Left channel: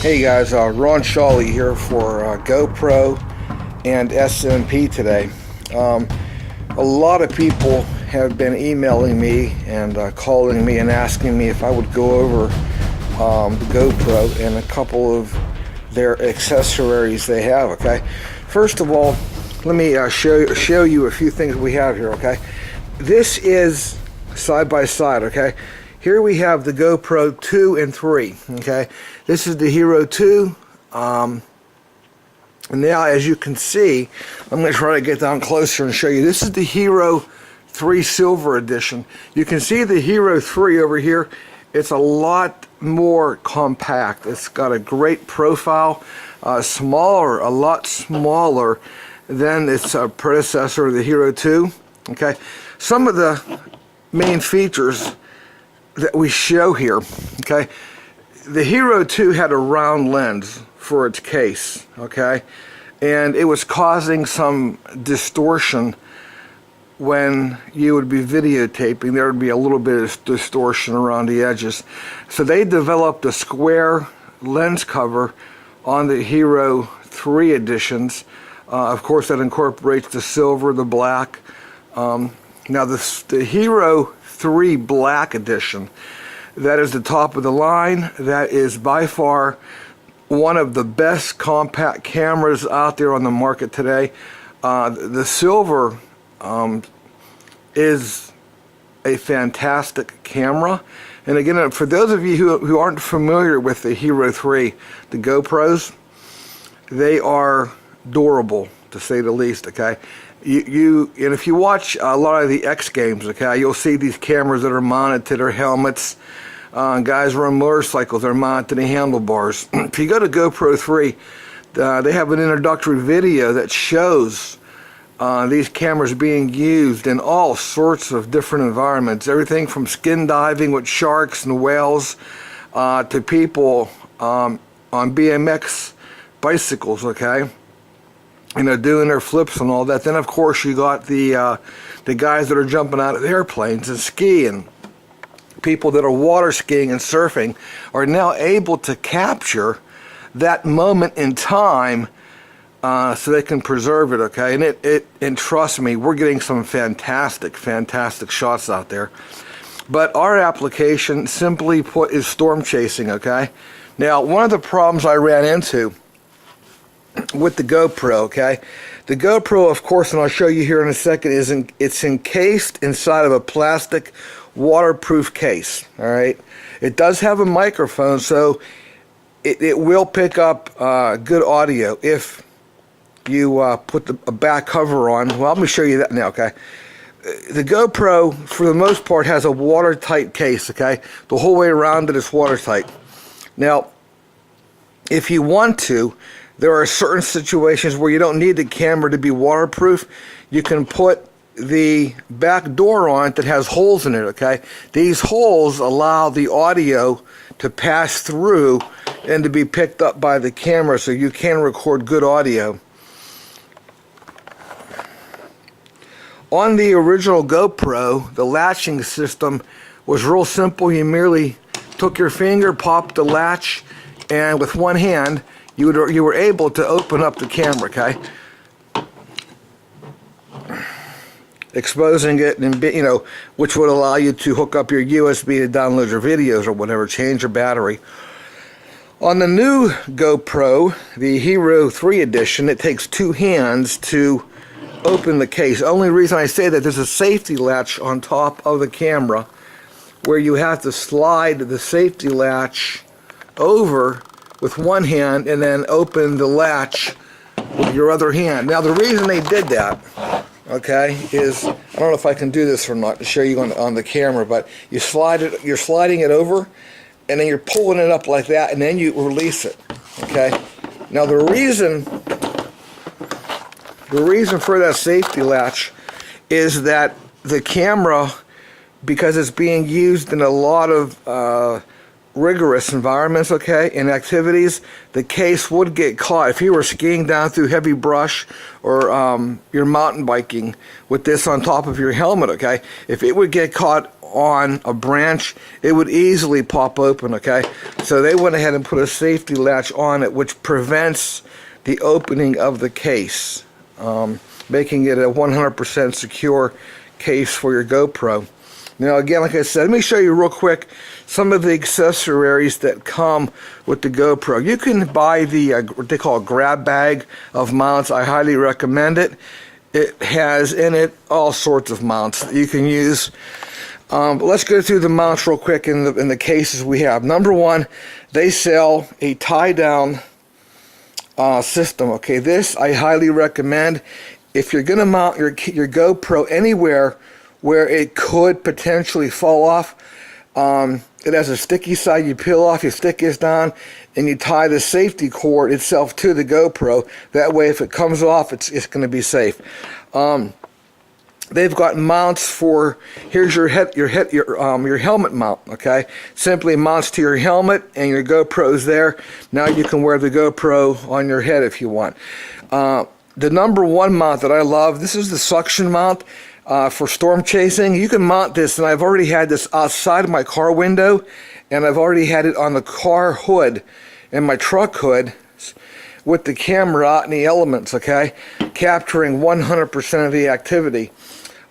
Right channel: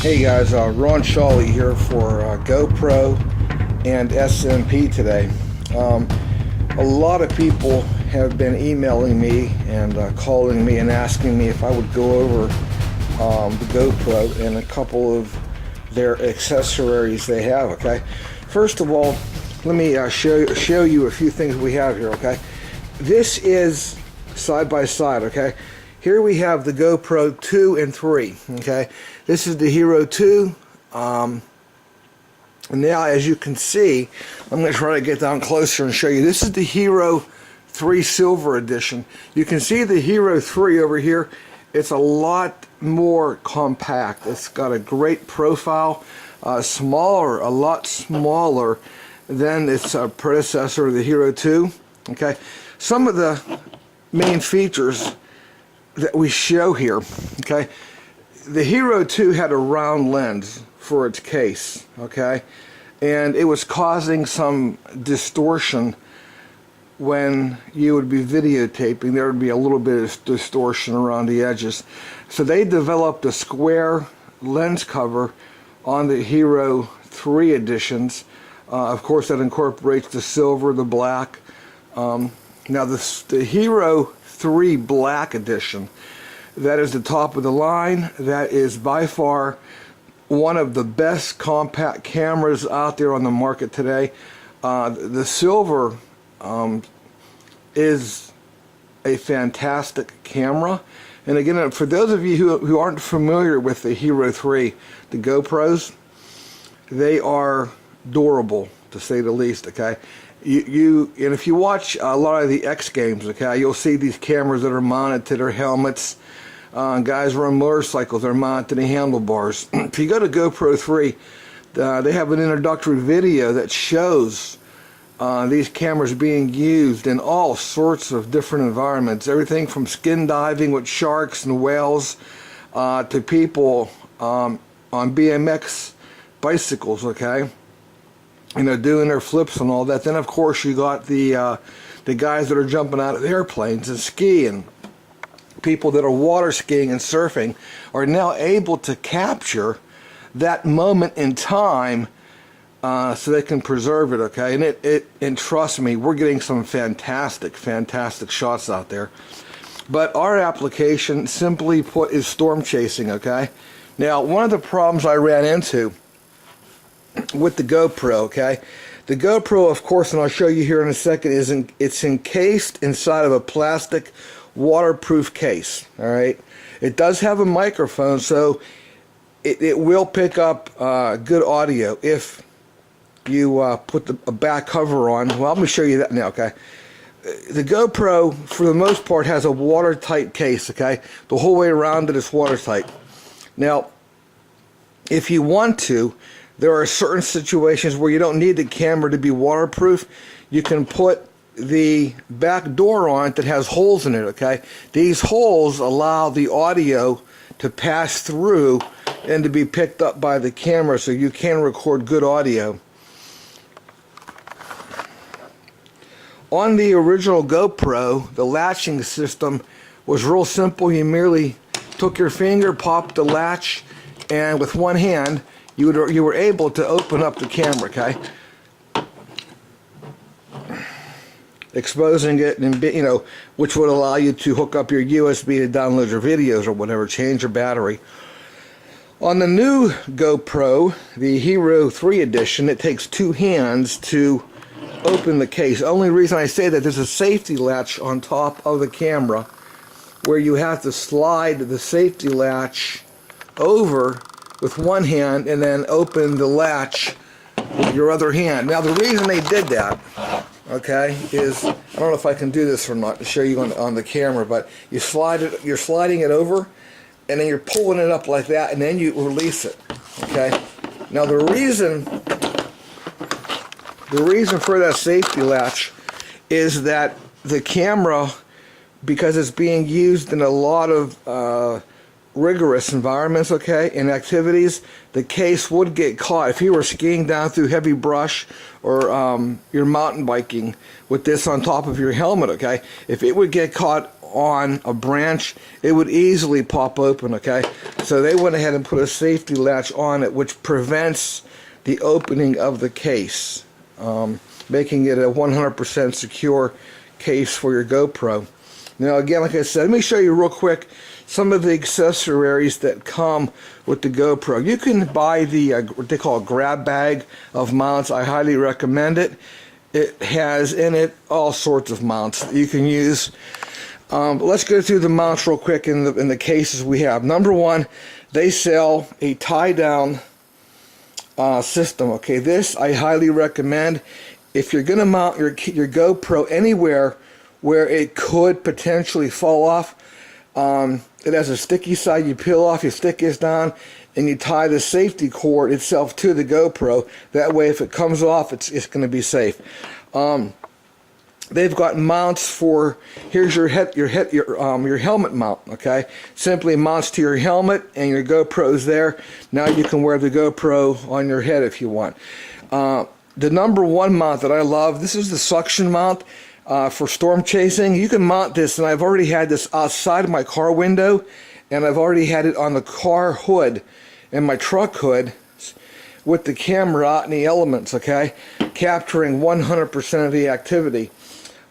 Hey guys, Ron Shawley here for GoPro and SMP today. A lot of people have been emailing me and calling me and asking me if I would go over the GoPro and a couple of their accessories they have. Okay, first of all, let me show you a few things we have here. Okay, this is side by side. Okay, here we have the GoPro 2 and 3. Okay, this is the Hero 2. And now, as you can see, I'm going to try to get down closer and show you. This is the Hero 3 Silver Edition. You can see the Hero 3 over here. It's a lot more compact. It's got a great profile, smaller, a lot smaller than its predecessor, the Hero 2. Okay, some of the main features that we show here. Okay, the Hero 2 had a round lens for its case. Okay, and it was causing some distortion when you would be videotaping. There would be a little bit of distortion around the edges, so they developed a square lens cover on the Hero 3 editions. Of course, that incorporates the silver, the black. Now the Hero 3 Black Edition, that is the top of the line. That is by far one of the best compact cameras out there on the market today. The silver is a fantastic camera. And again, for those of you who aren't familiar with the Hero 3, the GoPros, they are durable, to say the least. Okay, and if you watch a lot of the X Games, okay, you'll see these cameras that are mounted to their helmets. Guys are on motorcycles, they're mounted to the handlebars. If you go to GoPro 3, they have an introductory video that shows these cameras being used in all sorts of different environments. Everything from skin diving with sharks and whales to people on BMX bicycles, okay? You know, doing their flips and all that. Then, of course, you got the guys that are jumping out of airplanes and skiing. People that are water skiing and surfing are now able to capture that moment in time so they can preserve it, okay? And trust me, we're getting some fantastic shots out there. But our application, simply put, is storm chasing, okay? Now, one of the problems I ran into with the GoPro, okay? The GoPro, of course, and I'll show you here in a second, it's encased inside of a plastic waterproof case. All right, it does have a microphone, so it will pick up good audio if you put a back cover on. Well, let me show you that now. Okay, the GoPro, for the most part, has a watertight case. Okay, the whole way around it is watertight. Now, if you want to, there are certain situations where you don't need the camera to be waterproof. You can put the back door on it that has holes in it, okay? These holes allow the audio to pass through and to be picked up by the camera, so you can record good audio. On the original GoPro, the latching system was real simple. You merely took your finger, popped the latch, and with one hand, you were able to open up the camera, okay? Exposing it, and you know, which would allow you to hook up your USB to download your videos or whatever, change your battery. On the new GoPro, the Hero 3 edition, it takes two hands to open the case. Only reason I say that, there's a safety latch on top of the camera where you have to slide the safety latch over with one hand and then open the latch with your other hand. Now, the reason they did that, okay, is, I don't know if I can do this or not to show you on the camera, but you're sliding it over, and then you're pulling it up like that, and then you release it, okay? Now, the reason for that safety latch is that the camera, because it's being used in a lot of rigorous environments, okay, and activities, the case would get caught. If you were skiing down through heavy brush or you're mountain biking with this on top of your helmet, okay, if it would get caught on a branch, it would easily pop open, okay? So they went ahead and put a safety latch on it, which prevents the opening of the case, making it a 100% secure case for your GoPro. Now again, like I said, let me show you real quick some of the accessories that come with the GoPro. You can buy the what they call a grab bag of mounts. I highly recommend it. It has in it all sorts of mounts that you can use. But let's go through the mounts real quick in the cases we have. Number one, they sell a tie-down system. Okay, this I highly recommend. If you're going to mount your GoPro anywhere where it could potentially fall off, it has a sticky side. You peel off, you stick this down, and you tie the safety cord itself to the GoPro. That way, if it comes off, it's going to be safe. They've got mounts for, here's your helmet mount. Okay, simply mounts to your helmet, and your GoPro's there. Now you can wear the GoPro on your head if you want. The number one mount that I love, this is the suction mount. For storm chasing. You can mount this, and I've already had this outside of my car window, and I've already had it on the car hood and my truck hood with the camera out in the elements, okay, capturing 100% of the activity.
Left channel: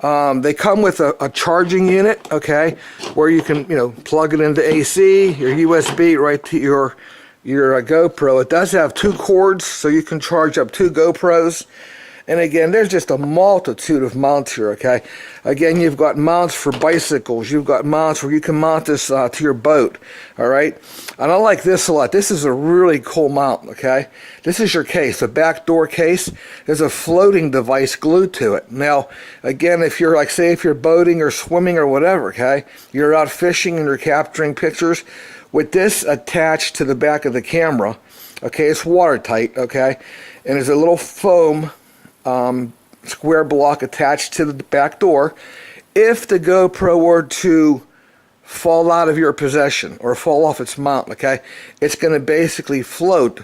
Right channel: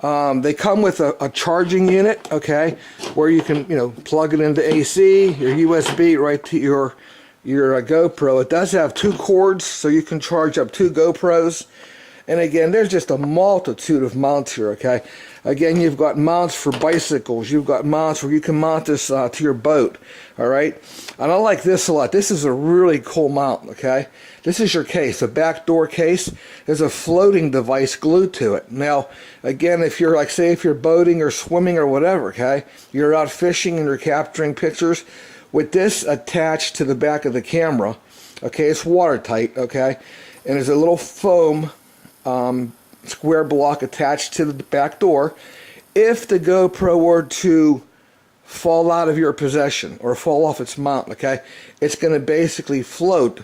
They come with a charging unit, okay, where you can, plug it into AC, your USB right to your GoPro. It does have 2 cords, so you can charge up 2 GoPros. And again, there's just a multitude of mounts here, okay? Again, you've got mounts for bicycles. You've got mounts where you can mount this to your boat, all right? And I like this a lot. This is a really cool mount, okay? This is your case, a back door case. There's a floating device glued to it. Now, again, if you're like, say if you're boating or swimming or whatever, okay? You're out fishing and you're capturing pictures. With this attached to the back of the camera, okay, it's watertight, okay? And there's a little foam square block attached to the back door. If the GoPro were to fall out of your possession or fall off its mount, okay, it's going to basically float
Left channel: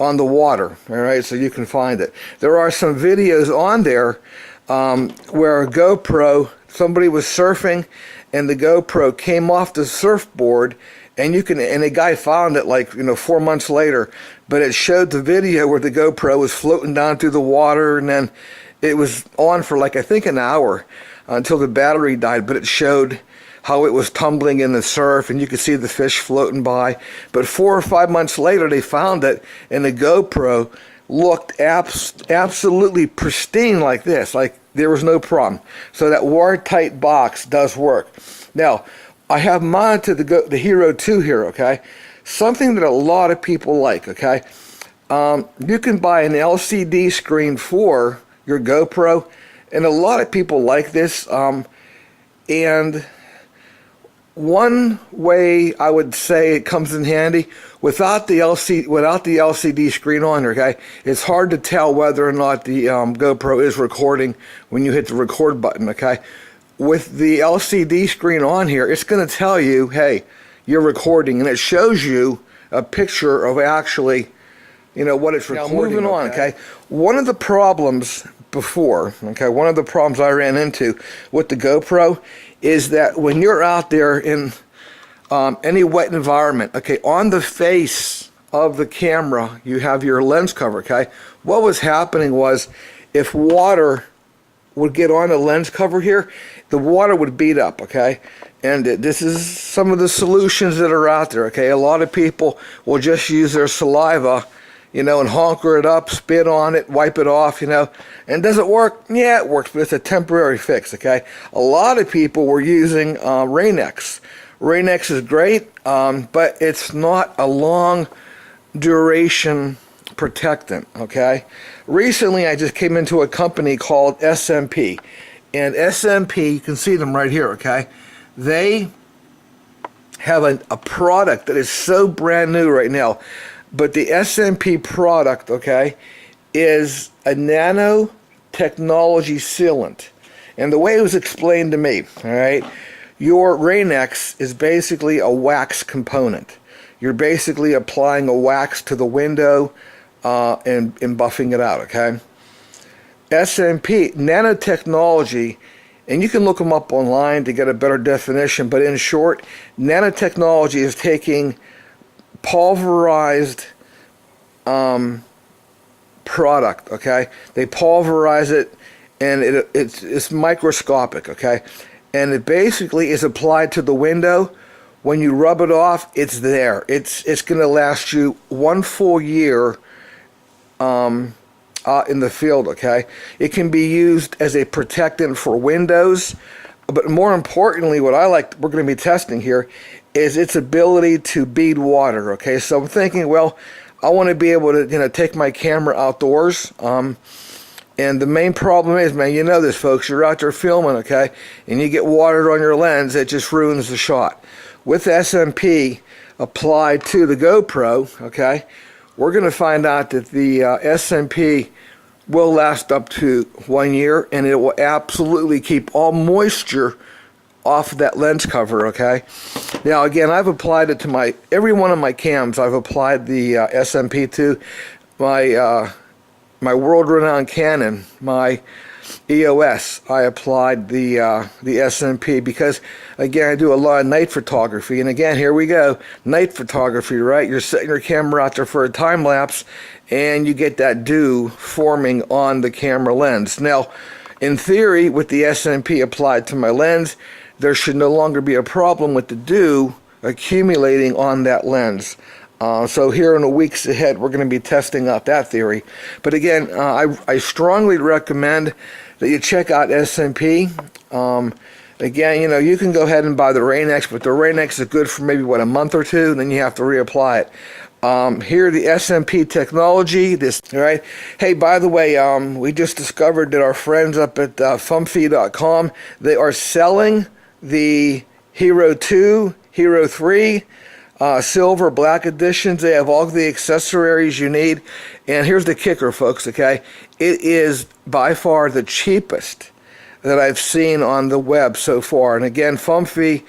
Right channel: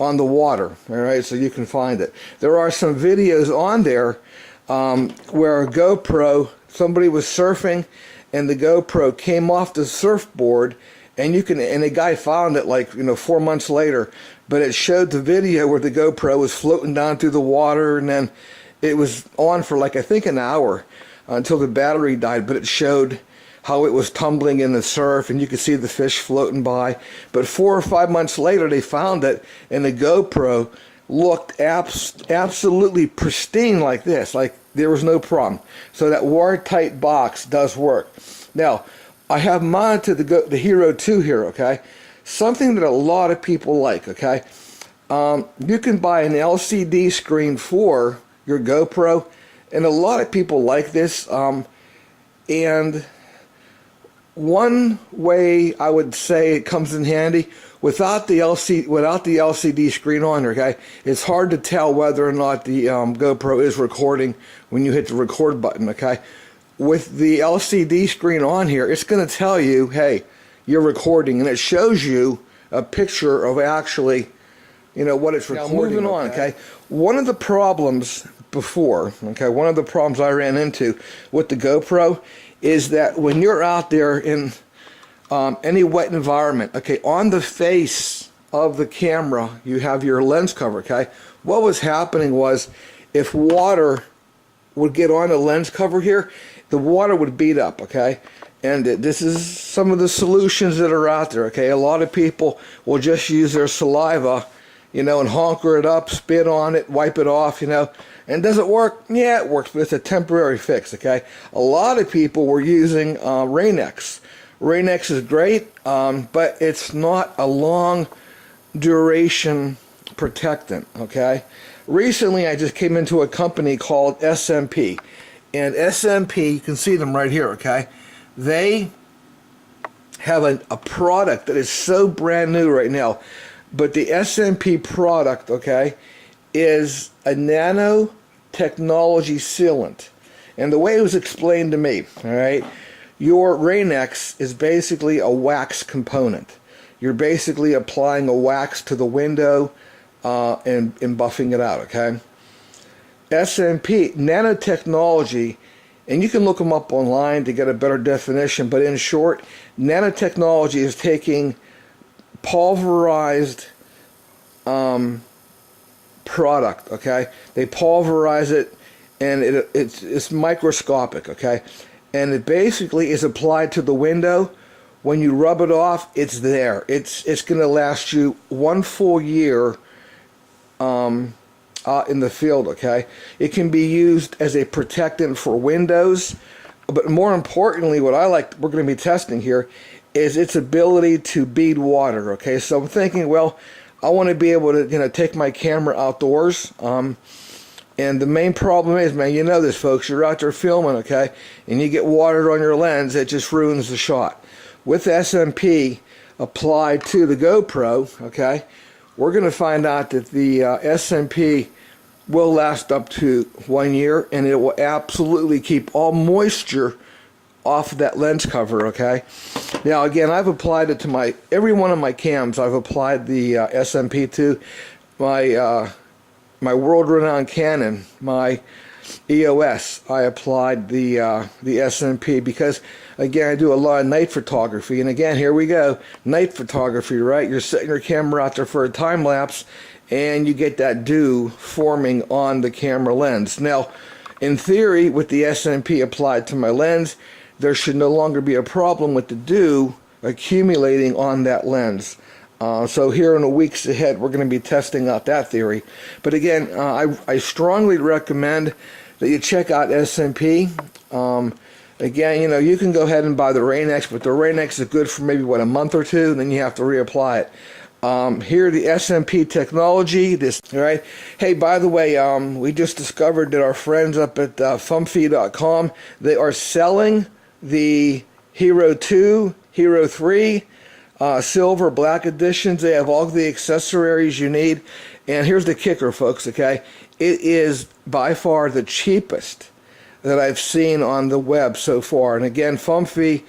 on the water, all right, so you can find it. There are some videos on there where a GoPro, somebody was surfing and the GoPro came off the surfboard, and a guy found it like 4 months later, but it showed the video where the GoPro was floating down through the water, and then it was on for like I think an hour until the battery died, but it showed how it was tumbling in the surf, and you could see the fish floating by. But 4 or 5 months later, they found it, and the GoPro looked absolutely pristine like this, like there was no problem. So that watertight box does work. Now, I have mounted the Hero 2 here, okay? Something that a lot of people like, okay? You can buy an LCD screen for your GoPro, and a lot of people like this. And one way I would say it comes in handy, without the LCD screen on, okay, it's hard to tell whether or not the GoPro is recording when you hit the record button, okay? With the LCD screen on here, it's going to tell you, hey, you're recording, and it shows you a picture of actually, what it's recording. Now, moving on, okay? One of the problems before, okay, one of the problems I ran into with the GoPro is that when you're out there in any wet environment, okay, on the face of the camera, you have your lens cover, okay? What was happening was if water would get on the lens cover here, the water would beat up, okay? And this is some of the solutions that are out there, okay? A lot of people will just use their saliva, and honker it up, spit on it, wipe it off, And does it work? Yeah, it works, but it's a temporary fix, okay? A lot of people were using Rain-X. Rain-X is great, but it's not a long duration protectant, okay? Recently, I just came into a company called SMP. And SMP, you can see them right here, okay? They have a product that is so brand new right now. But the SMP product, okay, is a nanotechnology sealant. And the way it was explained to me, all right, your Rain-X is basically a wax component. You're basically applying a wax to the window and buffing it out, okay? SMP, nanotechnology, and you can look them up online to get a better definition, but in short, nanotechnology is taking pulverized product, okay? They pulverize it, and it's microscopic, okay? And it basically is applied to the window. When you rub it off, it's there. It's going to last you 1 full year in the field, okay? It can be used as a protectant for windows, but more importantly, what we're going to be testing here is its ability to bead water, okay? So I'm thinking, well, I want to be able to, take my camera outdoors. And the main problem is, man, you know this, folks, you're out there filming, okay? And you get water on your lens, it just ruins the shot. With SMP applied to the GoPro, okay, we're going to find out that the SMP will last up to 1 year, and it will absolutely keep all moisture off of that lens cover, okay? Now, again, I've applied it to every one of my cams. I've applied the SMP to my world-renowned Canon, my EOS. I applied the SMP because, again, I do a lot of night photography. And again, here we go, night photography, right? You're setting your camera out there for a time lapse, and you get that dew forming on the camera lens. Now, in theory, with the SMP applied to my lens, there should no longer be a problem with the dew accumulating on that lens. So here in the weeks ahead, we're going to be testing out that theory. But again, I strongly recommend that you check out SMP. Again, you can go ahead and buy the Rain-X, but the Rain-X is good for maybe, a month or two, and then you have to reapply it. Here, the SMP technology, right? Hey, by the way, we just discovered that our friends up at Fumfy.com, they are selling the Hero 2, Hero 3, silver, black editions. They have all the accessories you need. And here's the kicker, folks, okay? It is by far the cheapest that I've seen on the web so far. And again, Fumfy,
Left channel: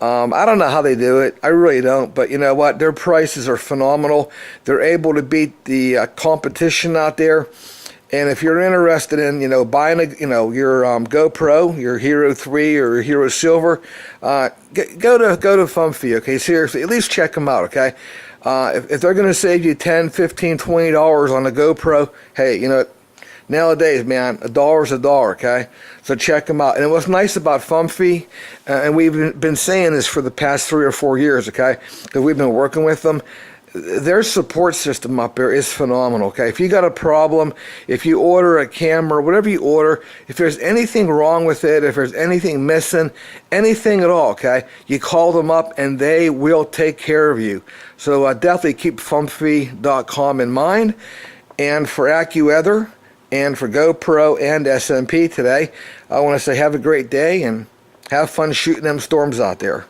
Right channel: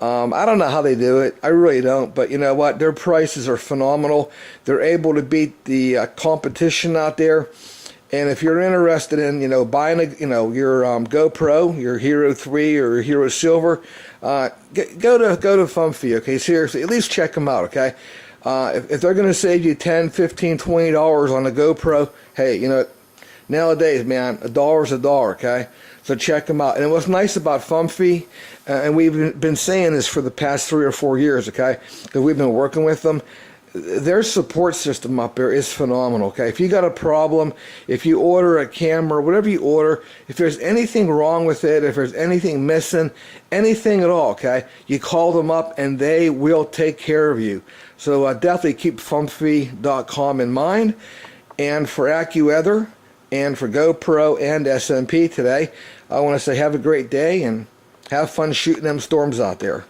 I don't know how they do it. I really don't. But you know what? Their prices are phenomenal. They're able to beat the competition out there. And if you're interested in, buying your GoPro, your Hero 3 or your Hero Silver, go to Fumfy, okay? Seriously, at least check them out, okay? If they're going to save you $10, $15, $20 on a GoPro, hey, nowadays, man, $1 is $1, okay? So check them out. And what's nice about Fumfy, and we've been saying this for the past 3 or 4 years, okay? Because we've been working with them. Their support system up there is phenomenal, okay? If you got a problem, if you order a camera, whatever you order, if there's anything wrong with it, if there's anything missing, anything at all, okay, you call them up and they will take care of you. So definitely keep Fumfy.com in mind. And for AccuWeather and for GoPro and SMP today, I want to say have a great day and have fun shooting them storms out there.